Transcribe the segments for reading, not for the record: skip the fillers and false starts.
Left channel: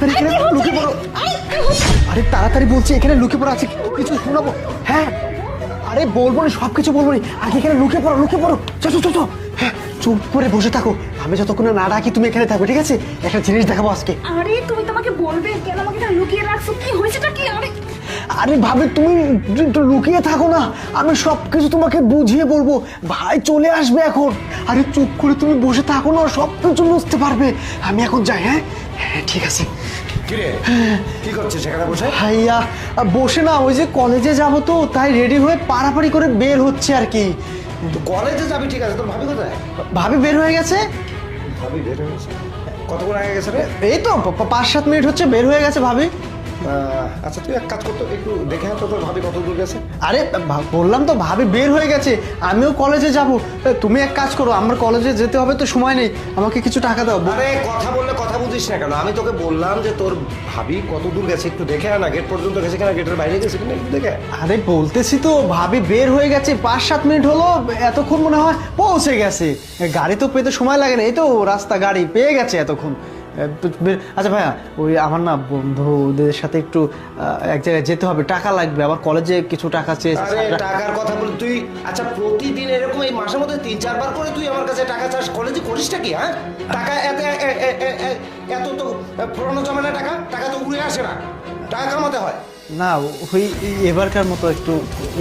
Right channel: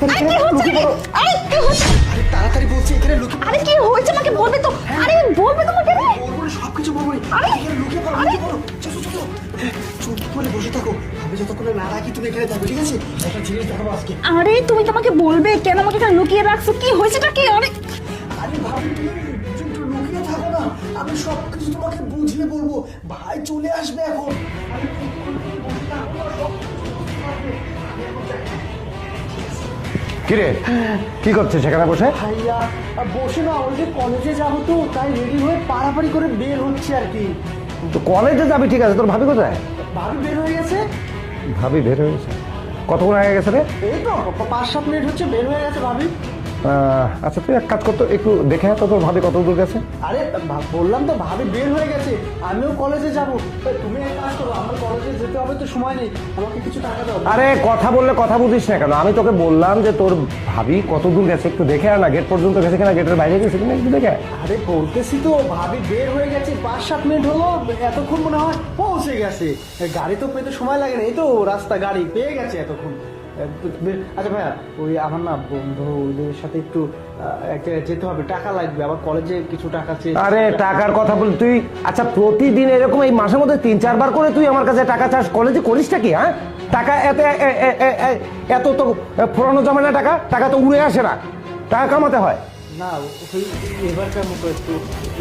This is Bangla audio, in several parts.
তাড়াতাড়ি এখানে লুকিয়ে পড়ো। আরে তাড়াতাড়ি বলছি, এখানে লুকিয়ে পড়ো। কি হয়েছে আমাকে বলবে তো? আরে বলবে তোমাকে। আরে বলবো না, সবকিছু বলবো না। এখানে লুকিয়ে পড়ো, লুকিয়ে পড়ো। চলো চলো চলো। হ্যাঁ, চুপ করে বসে থাকো। আমি যতক্ষণ না ডাকি তুমি এখানে থাকো, ঠিক আছে? একটা জিনিস দেখাবো আজকে। আরে তুমি তো আমাকে বলবে, কেন আমাকে এখানে লুকিয়ে রাখছো? কি হয়েছেটা কি? আরে ভাবে তুমি একটু লুকিয়ে থাকো না, আমি সবকিছু তোমাকে বুঝিয়ে বলবো। ভাই চলে আসবে এখন। আরে চুপ করে তুমি বসে থাকো না, সবকিছু বুঝতে পারবে। আমি এখন যাই। হ্যাঁ হ্যাঁ ঠিক আছে। কিরে কি করছিস সেখানে বসে? ভাইয়া বসে না, ওই যে কলেজে যাবো তো, তাই রেডি হয়ে পাড়াপাড়ি করে বের হচ্ছে আর কি। তো কলেজে যাবি ঠিক আছে, তোর ভাবি কোথায়? ভাবি বের হয়ে গেছে। ভাবি বের হয়ে গেছে? কতক্ষণ আগে গেছে রে? এই তো 5-7 মিনিট হচ্ছে বের হয়ে গেছে ভাবি। আচ্ছা তুই এক কাজ করতো, একটু দেখে তো তোর ভাবি কত দূর গেছে। আরে বললাম তো ভাবি বের হয়ে গেছে, আমিও কলেজে যাব। তুমি এক কাজ করো, আমার কলেজে যেতে হবে তো, সময় নেই, আমাকে কিছু টাকা দাও। আরে কথা বললে কথা বুঝিস না কেন? আমি তোকে বললাম যে তোর ভাবি কত দূর গেছে একটু দেখে আনা। গেট পর্যন্ত গেছে কিনা, গেটের বাইরে গেছে কিনা একটু দেখে। আরে বলতেছি তো ভাবি বের হয়ে গেছে, 5-7 মিনিট হলো, এতক্ষণ মনে হয় পৌঁছে গেছে। গাড়ি তো পেতে সময় লাগে না, এই তো রাস্তা, গাড়ি পেয়ে গেছে এতক্ষণ। আচ্ছা ভাইয়া, ওই আমার না বন্ধুদের সাথে একটু এক জায়গায় যেতে হবে, টাকা লাগবে, আবার কলেজে কিছু টাকা চেয়েছে। আরে টাকার কথা বল তুই। আচ্ছা প্রতিদিন এরকম এই মাসের মধ্যে 3-4 বার করে তুই আমার কাছে টাকা চাস, কলেজে করিসটা কি? হ্যাঁ, টাকা এত এত তো পুরানো জমানো টাকা, টাকা তো উড়ে আসে না, টাকা কামাতে হয়। না ওই এবারকার মতো একটু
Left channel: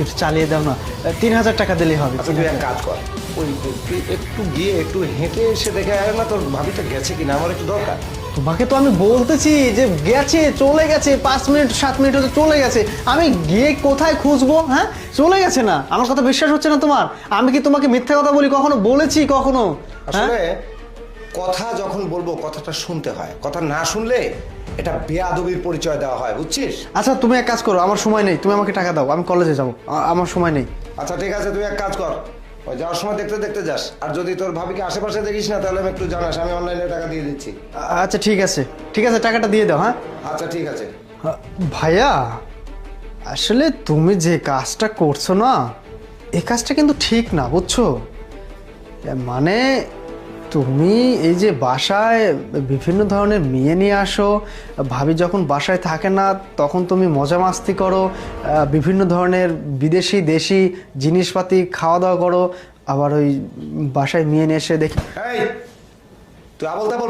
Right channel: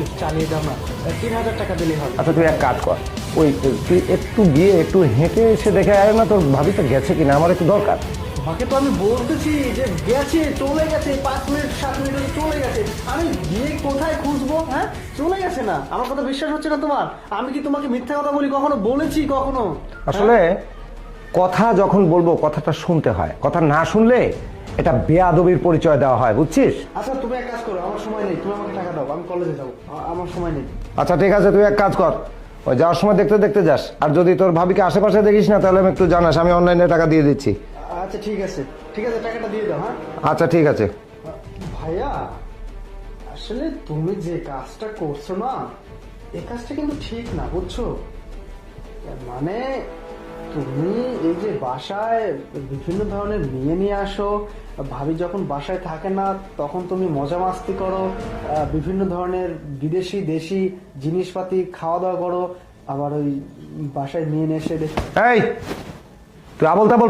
একটু চালিয়ে দাও না, 3000 টাকা দিলেই হবে। আচ্ছা তুই এক কাজ কর, ওই তুই একটু গিয়ে একটু হেঁটে এসে দেখে আয় না তোর ভাবিটা গেছে কিনা, আমার একটু দরকার। তোমাকে তো আমি বলতেছি যে গেছে, চলে গেছে, 5-7 মিনিট হতে চলে গেছে। আমি গিয়ে কোথায় খুঁজবো? হ্যাঁ চলে গেছে না, আমার কথা বিশ্বাস হচ্ছে না তোমার? আমি কি তোমাকে মিথ্যা কথা বলি কখনো? বলেছি কখনো? আসলে কথা যখন বলবো কথাটা শুনতে হয়, কথা না শুনলে এটা বেয়াদবির পরিচয় দেওয়া হয়, বুঝছিস? আচ্ছা তুমি এক কাজ করো, আমার সময় নেই, তুমি আমাকে টাকা দাও, আমি কলেজে যাবো, আমার সময় নেই। আচ্ছা ঠিক আছে, তুই এক কাজ কর, ওই যাওয়ার সময় দেখতে দেখতে যাস। আর যদি তোর ভাবিকে আশেপাশে দেখিস না তাহলে আমি একটু জানাস, আমি অনলাইনে টাকা দিয়ে দিচ্ছি। আচ্ছা ঠিক আছে, ঠিক আছে, টাকাটা দিয়ে দাও। হ্যাঁ আচ্ছা ঠিক আছে। ভাইয়া আসলে তুমি যে কাজটা করছো না, এই কাজটা কিন্তু ঠিক না, বুঝছো? মানে তুমি এই যে বাসায় বিভিন্ন ধরনের মেয়ে নিয়ে আসো, ভাবি যখন বাসায় থাকে না তখন তুমি মজা মাস্তি করো, বিভিন্ন ধরনের বিদেশি দেশি জিনিসপাতি খাওয়া দাওয়া করো, আবার ওই বাসায় মেয়ে নিয়ে এসে দেখি। এই তুই আবল তাবল